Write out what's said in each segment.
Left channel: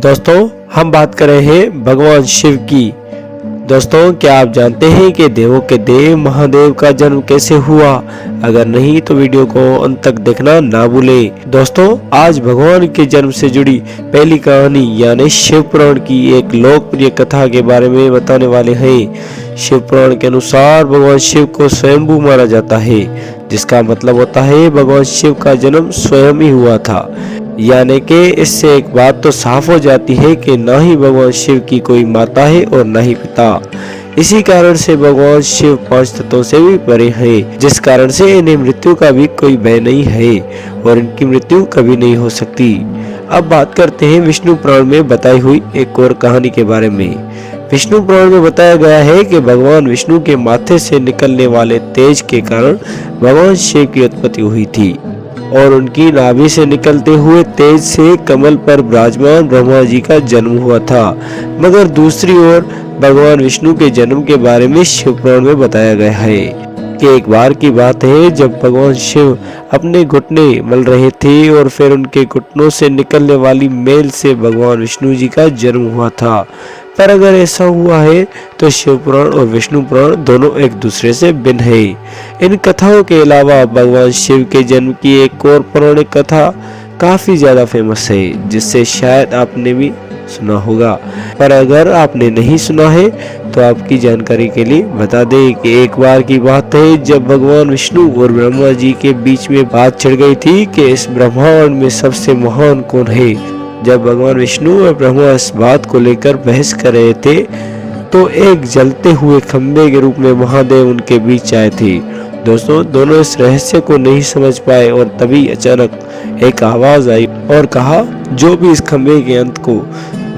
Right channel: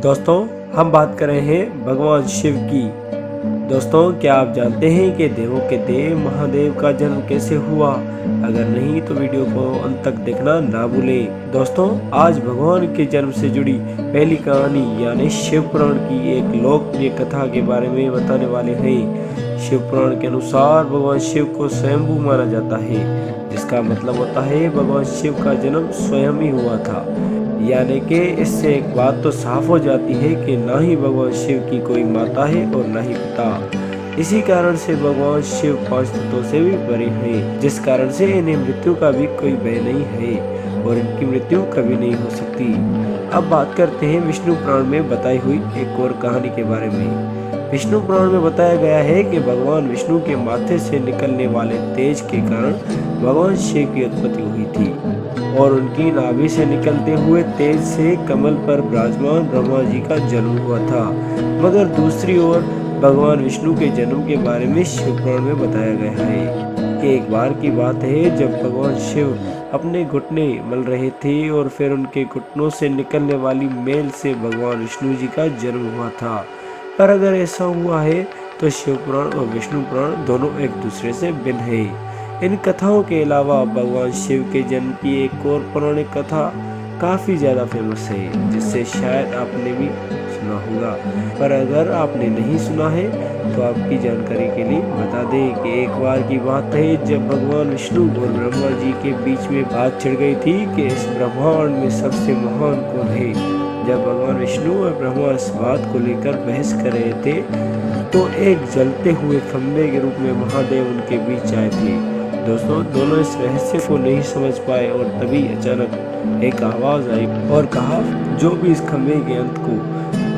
दोस्तों हम बात कर रहे हैं भगवान शिव की। दोस्तों क्या आप जानते हैं कि देवों के देव महादेव का जन्म कैसे हुआ? अगर नहीं तो वीडियो को अंत तक देखना ना भूलें। दोस्तों आज भगवान के जन्म से जुड़ी पहली कहानी यानी शिव पुराण की एक लोकप्रिय कथा के बारे में बताने वाले हैं। शिव पुराण के अनुसार भगवान शिव को स्वयंभू माना जाता है, जिसका मतलब होता है भगवान शिव का जन्म स्वयं ही हुआ था। यानी कि इससे एक बात तो साफ हो जाती है कि न ही भगवान शिव की कोई माता है और न ही पिता। इसी कारण से भगवान शिव 5 तत्वों से भी परे हैं, जिस कारण से इन्हें मृत्यु का भी कोई भय नहीं है और इनकी मृत्यु कभी नहीं हो सकती। अब बात करते हैं विष्णु पुराण में बताई हुई एक और कहानी के बारे में। विष्णु पुराण में बताया गया है कि भगवान विष्णु के माथे से निकलने वाले तेज के कारण भगवान शिव की उत्पत्ति हुई थी और उनकी नाभि से निकलते हुए तेज से कमल पर विराजमान ब्रह्मा जी का जन्म हुआ था। मगर दूसरी ओर भगवान विष्णु के जन्म के बारे में शिव पुराण में बताया गया है कि एक बार की बात है जब भगवान शिव अपने घुटने मल रहे थे और फिर उनके घुटनों से निकलने वाली मेल से भगवान विष्णु जी का जन्म हुआ था। पर अगर ऐसा हुआ है तो शिव पुराण और विष्णु पुराण दोनों एक दूसरे से भिन्न है। इन कथाओं के अलावा भगवान शिव के जन्म की एक और पौराणिक कथा काफी ज्यादा फेमस है, जिससे शायद आपने भी सुना होगा। पर अगर आपने नहीं सुना है तो आपकी जानकारी के लिए बता दें कि एक बार की बात है जब भगवान विष्णु और ब्रह्मा जी के बीच में बात छिड़ गई थी कि इस ब्रह्मांड में सबसे महान कौन है। जब भगवान विष्णु और ब्रह्मा इस बात को लेकर बहस कर रहे थे तो एक जलते हुए खंबे के रूप में महादेव उनके बीच आए थे। दोस्तों दोनों इस रहस्य को नहीं समझ पाए और तभी अचानक एक आवाज आई और कहा, जो भी इस खंबे के अंत को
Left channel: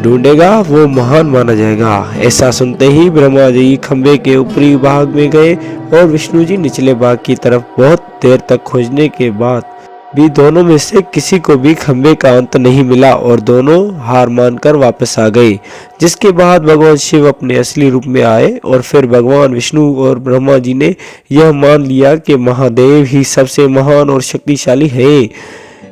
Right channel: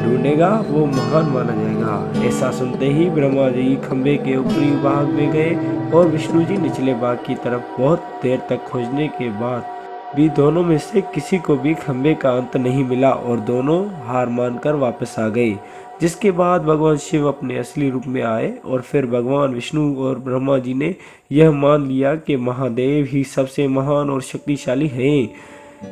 ढूंढेगा वो महान माना जाएगा। ऐसा सुनते ही ब्रह्मा जी खंबे के ऊपरी भाग में गए और विष्णु जी निचले भाग की तरफ। बहुत देर तक खोजने के बाद भी दोनों में से किसी को भी खंबे का अंत नहीं मिला और दोनों हार मानकर वापस आ गए। जिसके बाद भगवान शिव अपने असली रूप में आए और फिर भगवान विष्णु और ब्रह्मा जी ने यह मान लिया कि महादेव ही सबसे महान और शक्तिशाली है।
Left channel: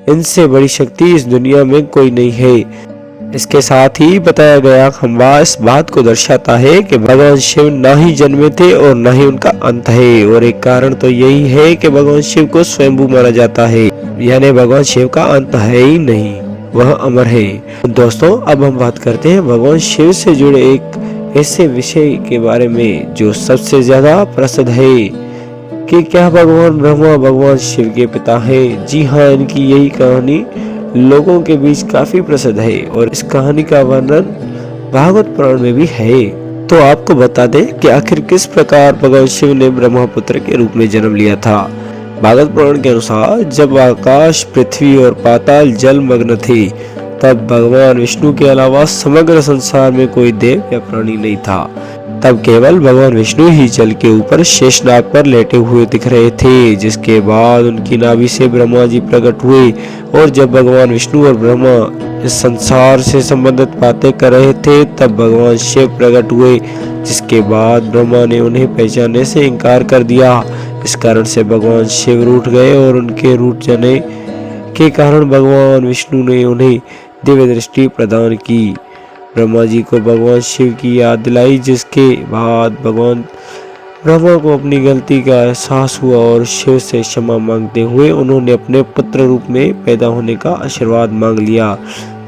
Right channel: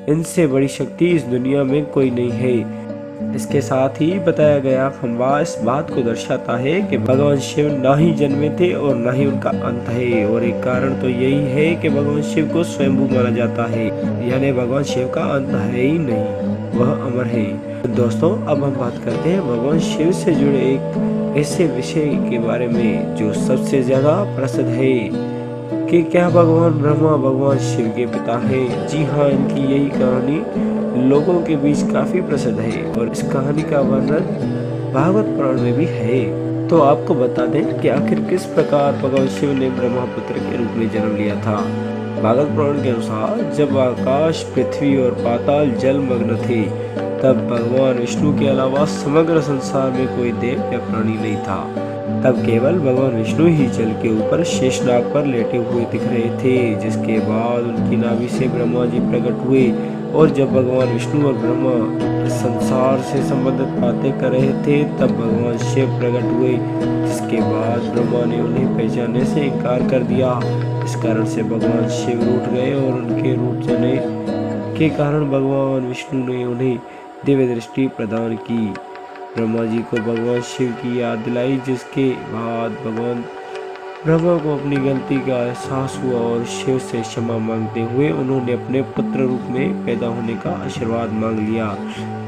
इनसे बड़ी शक्ति इस दुनिया में कोई नहीं है। इसके साथ ही बताया गया खंबा इस बात को दर्शाता है कि भगवान शिव न ही जन्मे थे और न ही उनका अंत है। और एक कारण तो यही है कि भगवान शिव को स्वयंभू माना जाता है, यानी भगवान शिव का अंत है ही नहीं, वह अमर है। दोस्तों अब हम बात करते हैं भगवान शिव से जुड़े एक ऐसे विषय के बारे में जो सबसे ज्यादा प्रसिद्ध है कि क्या भगवान ब्रह्मा भगवान शिव के पिता है। जी हाँ, इनकी यही कहानी लोगों के बीच काफी प्रसिद्ध है और इस कहानी का वर्णन भागवत पुराण में भी है। तो आपको बता दें कि आखिर किस प्रकार भगवान शिव ने ब्रह्मपुत्र के रूप में जन्म लिया था। भागवत पुराण के अनुसार जब आकाश पृथ्वी और पाताल जल मग्न थे तब भगवान विष्णु के अलावा समग्र संसार में कोई देव या प्राणी नहीं था। तब केवल भगवान विष्णु ही जल के ऊपर शेषनाग पर लेटे हुए दिख रहे थे। जिसके बाद उनकी नाभि से ब्रह्मा जी प्रकट हुए और जब भगवान विष्णु और ब्रह्मा इस संसार से संबंधित बातें कर रहे थे तब भगवान शिव प्रकट हुए। जिसके बाद ब्रह्मा ने उन्हें पहचानने से इनकार कर दिया। इस कारण से भगवान शिव रूठ गए और उनके रूठ जाने के कारण भगवान विष्णु ने उन्हें दिव्य दृष्टि प्रदान की। ब्रह्मा जी को भगवान शिव की याद दिलाई, जिसके बाद भगवान ब्रह्मा को अपनी गलती का एहसास हुआ और शिव से क्षमा मांगते हुए उन्होंने अपने पुत्र रूप में पैदा होने का आशीर्वाद मांग लिया।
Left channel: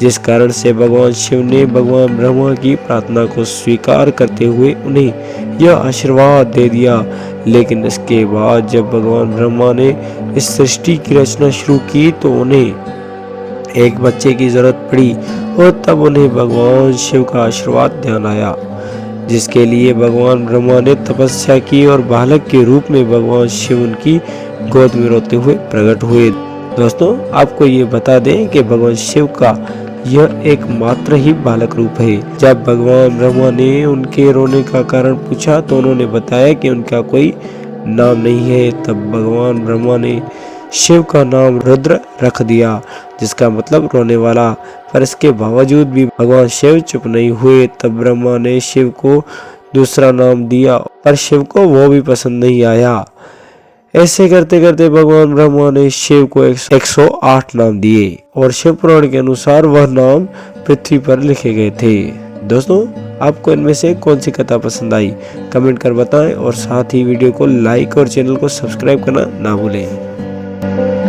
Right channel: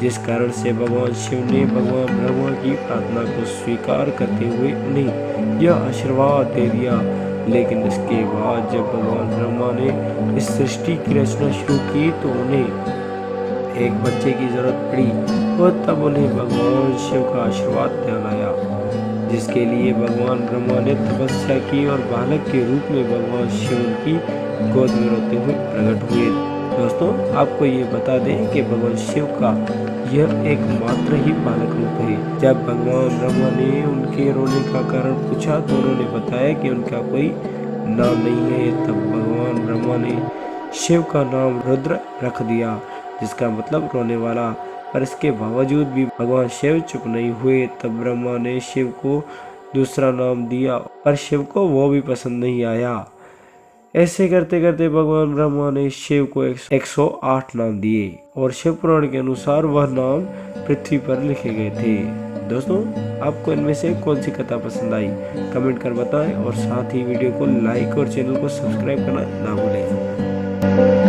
जिस कारण से भगवान शिव ने भगवान ब्रह्मा की प्रार्थना को स्वीकार करते हुए उन्हें यह आशीर्वाद दे दिया। लेकिन इसके बाद जब भगवान ब्रह्मा ने इस सृष्टि की रचना शुरू की तो उन्हें एक बच्चे की जरूरत पड़ी और तब उन्हें भगवान शिव का आशीर्वाद ध्यान आया, जिसके लिए भगवान ब्रह्मा ने तपस्या की और बालक के रूप में भगवान शिव उनकी गोद में रोते हुए प्रकट हुए। दोस्तों आपको ये बता दें कि भगवान शिव का यह एक मात्र ही बालक रूप है। जब भगवान ब्रह्मा ने उनके रोने का कारण पूछा तो उन्होंने बताया कि उनका कोई नाम नहीं है। तब भगवान ब्रह्मा ने शिव का नाम रुद्र रख दिया, जिसका मतलब रोने वाला। पर इसके बावजूद भी भगवान शिव चुप नहीं हुए। तब ब्रह्मा ने शिव को दूसरा नाम दिया पर शिव को वो भी पसंद नहीं आया। ऐसे करते करते भगवान ब्रह्मा ने शिव को 108 नाम दिए और शिव पुराण के अनुसार वह नाम पृथ्वी पर लिखे गए थे। दोस्तों, आपको इनमें से कौन सी कथा पसंद आई, कमेंट कर बताएं और साथ ही वीडियो को लाइक और चैनल को सब्सक्राइब करना ना भूलें।